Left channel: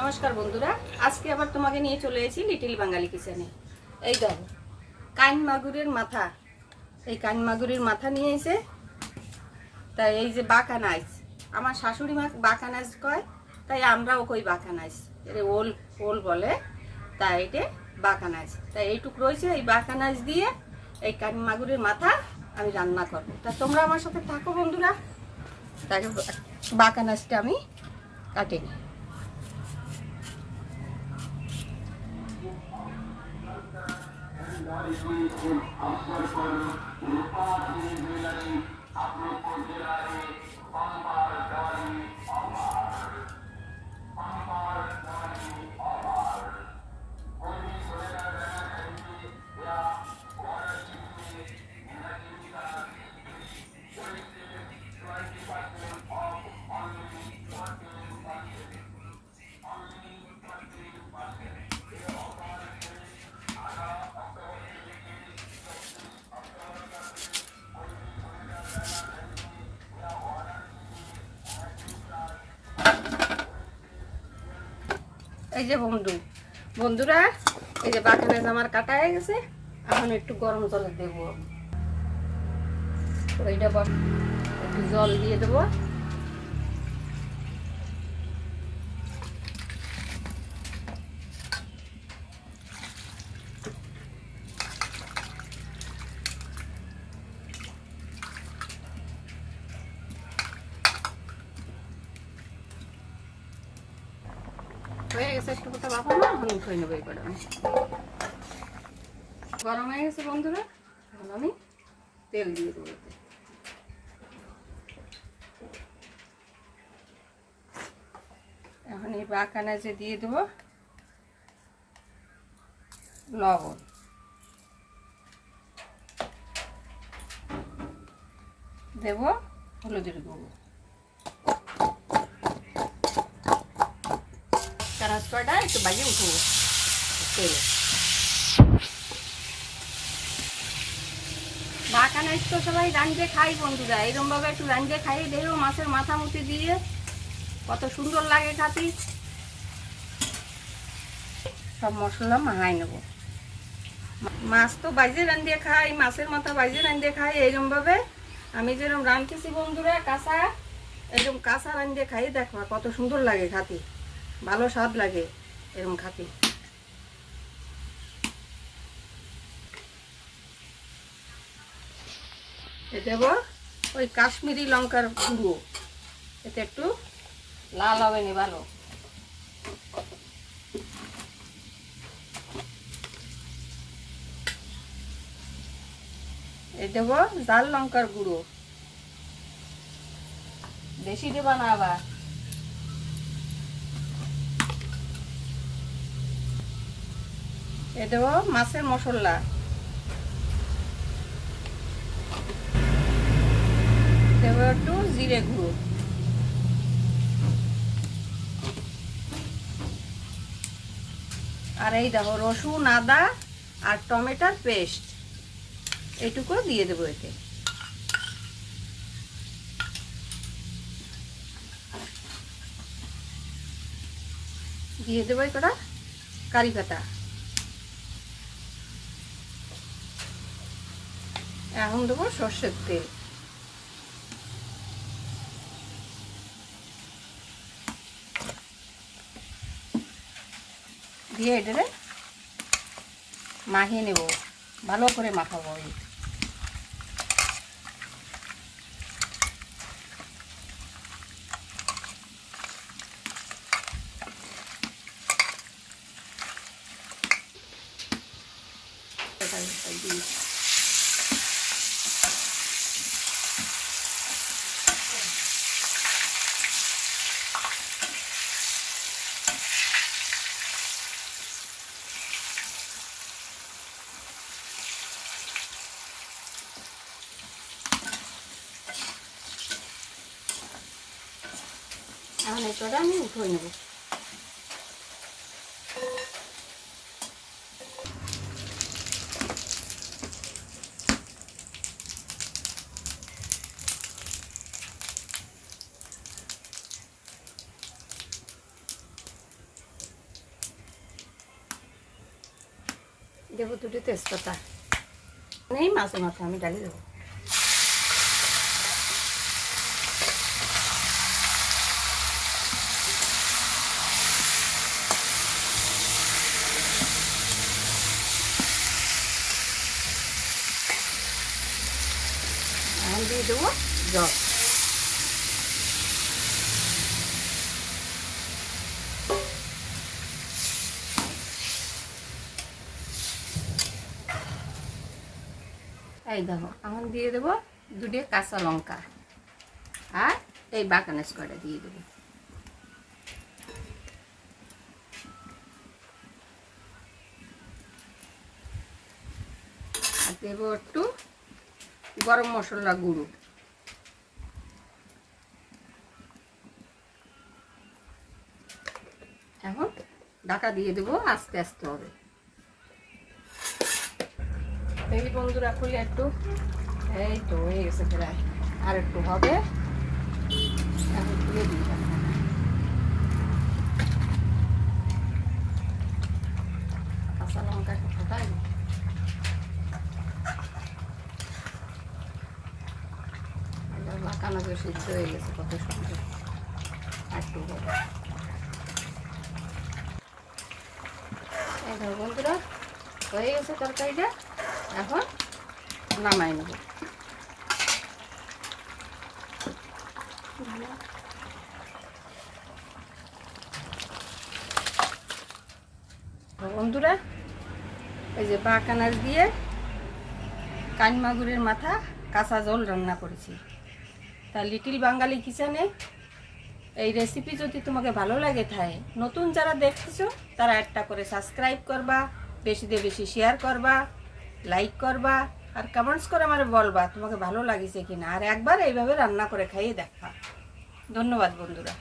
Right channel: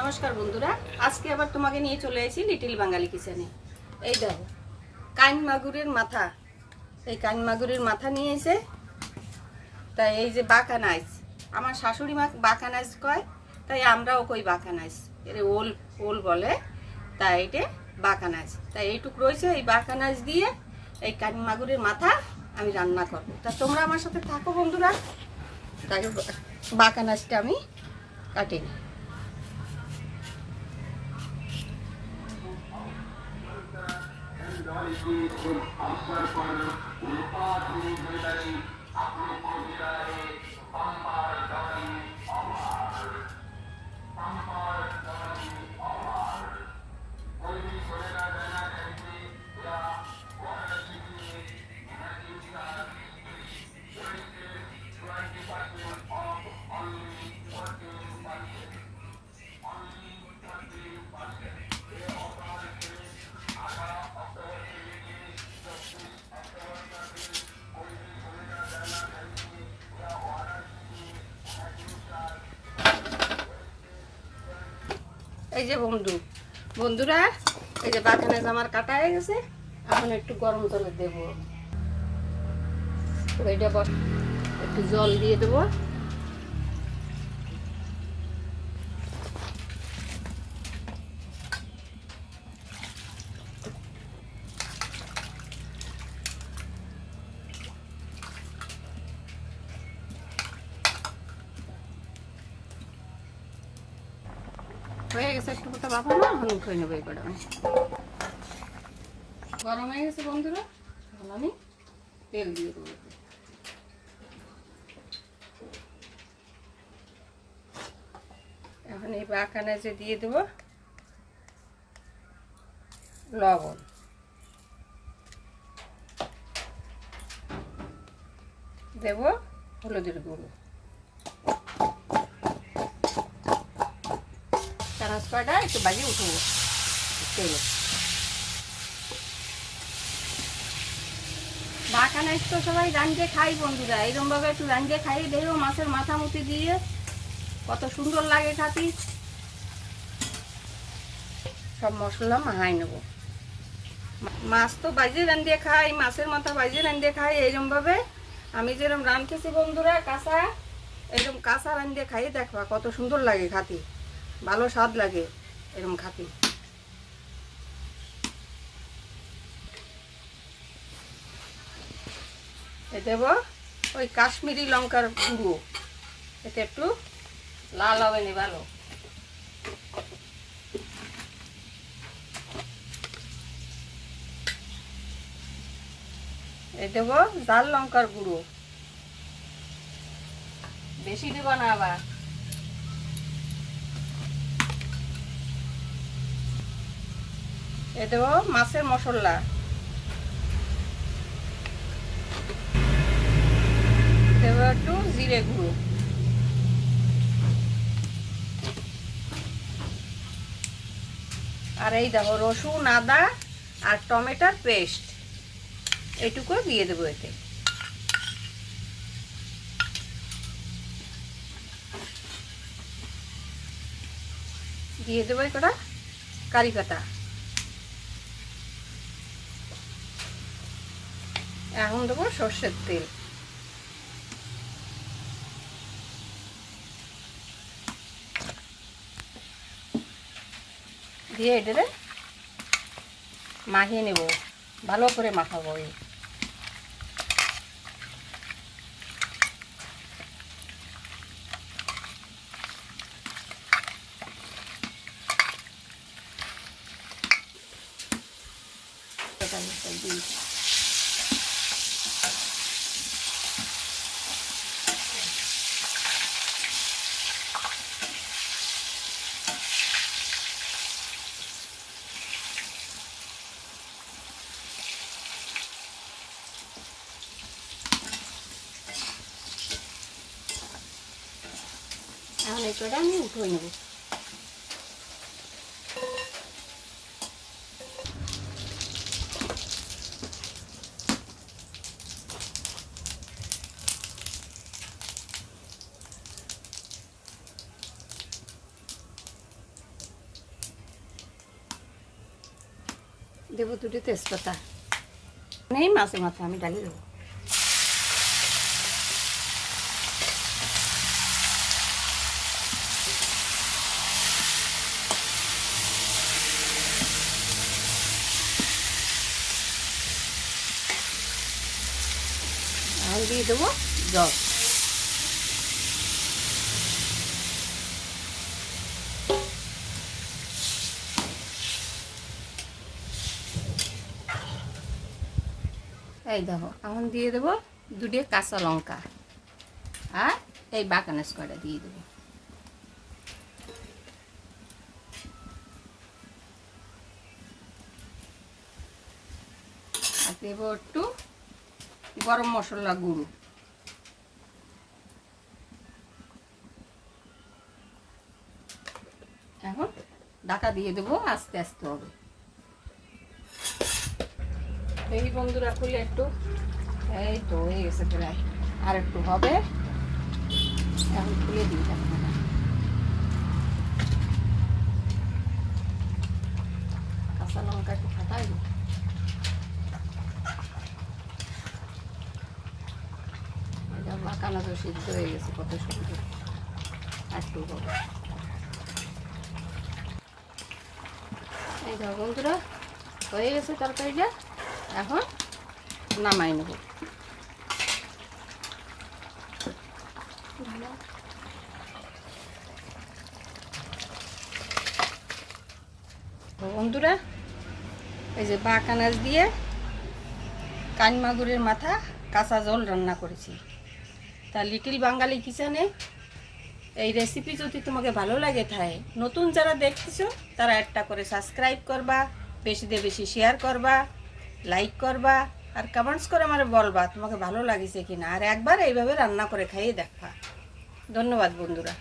নমস্কার বন্ধুরা, আজকে আবার তোমাকে নিয়ে চলে এসেছি লিটল বাঙালি কিচেনে। এই দেখো কান মাগুরের মাথা, এই কান মাগুরের মাথা নিয়ে এসে তাই এই যে বাঁকানাইস, আমার শাশুড়ি মা বাঁকানাইস কয়, তাই আমরাও কই বাঁকানাইস, এর ওল ওল বলে, তাই এটা বাঁকানাইস। তাই এইটুক রয়েছে, এই বাঁকানাইস দিয়ে এই কান মাগুরের মাথা আমি রান্না করবো। তা তোমরা আমার সাথে থাকো বন্ধুরা। তাই বাঁকানাইসটা আমি কাটি নিই। এই যে বন্ধুরা, এই যে বাঁকানাইস আমার কাটা হয়ে গেছে। এখন একটু গরম জলে দেবো, এইটা একটু জল দিয়ে দেবো। হয়ে গেছে একটু কথা বাবা না, আমি উঠে নেবো। এই গরম হয়ে গেছে বন্ধুরা, এখন আমি তেল দিয়ে দেবো। এখন এই বাঁকানাইসে দিয়ে দেবো লবণ, দেব হলুদের গুঁড়ো, চারাচটা একটু বাজিয়ে উঠবো তেলে। বাঁকানাইস তো সবাই রাঁধতে খাই বন্ধুরা, এইরকম ভাবে একটু রাঁধতে খাই। দেখো মাছের মাথা মুটি দিয়ে কত সুন্দর লাগে খাতি। সব মশলা মাখাই নেব। মাছ তো বাইজে রাঁধতে খাই, মাছের মাথা বাইজে রাঁধতে খাই। এইরকম ভাবে আমি যেরকম রাঁধতেছি বন্ধুরা, কাঁচা এরকম কাঁচা রাঁধতে খাই। দেখো কত সুন্দর লাগে খাতি, ভালো স্বাদ লাগে এরকম খাতি। দেব ওই কাশ্মীরি লঙ্কার গুঁড়ো, এতে একটু লাল হবে নি ভালো। এই দেব জাল লঙ্কার গুঁড়ো, বেশি দেব না আবার। এ দেব মাছের মশলা, দেব একটু জিরে গুঁড়ো, আর এই দেখো রসুন আদা আর টমেটোর পেস্ট, এইটুকু দিয়ে দেবো। এতে দিয়ে দেবো কটা কারি পাতা। এখন দেবো সর্ষের তেল, দিয়ে এটারে মাখিয়ে নেব, ভালো করে মাখাবো। এখন এটা আমি উঠে নেব। দেবো দুটো তেজপাতা, নেই মাছের মাথা আমি ডালি দেবো। দিয়ে দেবো জল। এই দেখো এখন দিয়ে দেবো দুটো কাঁচা লঙ্কা আর এই বাটানেস কটা দিয়ে দেবো। আর দেবো একটু গরম মশলা গুঁড়ো। এখন ঢাকা দিয়ে দেবো, আস্তে আস্তে হবে। এই বন্ধুরা খুলে একটু, এই তো হয়ে গেছে প্রায়, আর একটু হবে। এখন খুলে দিই, কাঁচা লঙ্কা একটু ফাটাই দিই। মাখানো তো সিদ্ধ হয়ে গেছে কত সুন্দর, একটু হবে। এই দেখো বন্ধুরা হয়ে গেছে তরকারিটা, এখন নামাই নেব। বন্ধুরা এই যে বাঁকানাজ দিয়ে কান মাগুরের মাথা কাঁচা জল রান্না করেছি। তা লিটিল বাঙালি কিচেনে এই রেসিপি যদি তোমাকে ভালো লাগে থাকে, নতুন যারা দেখতেছো তারা একটা করে সাবস্ক্রাইব করবা, বেশি দিয়ে বেশি শেয়ার করবা, লাইক করবা, আর কমেন্টস করে আমার বলবা তোমাকে ভালো লাগিছে কিনা, আর একবার এইভাবে রান্না করে খাইয়ে দেখা। ধন্যবাদ বন্ধুরা।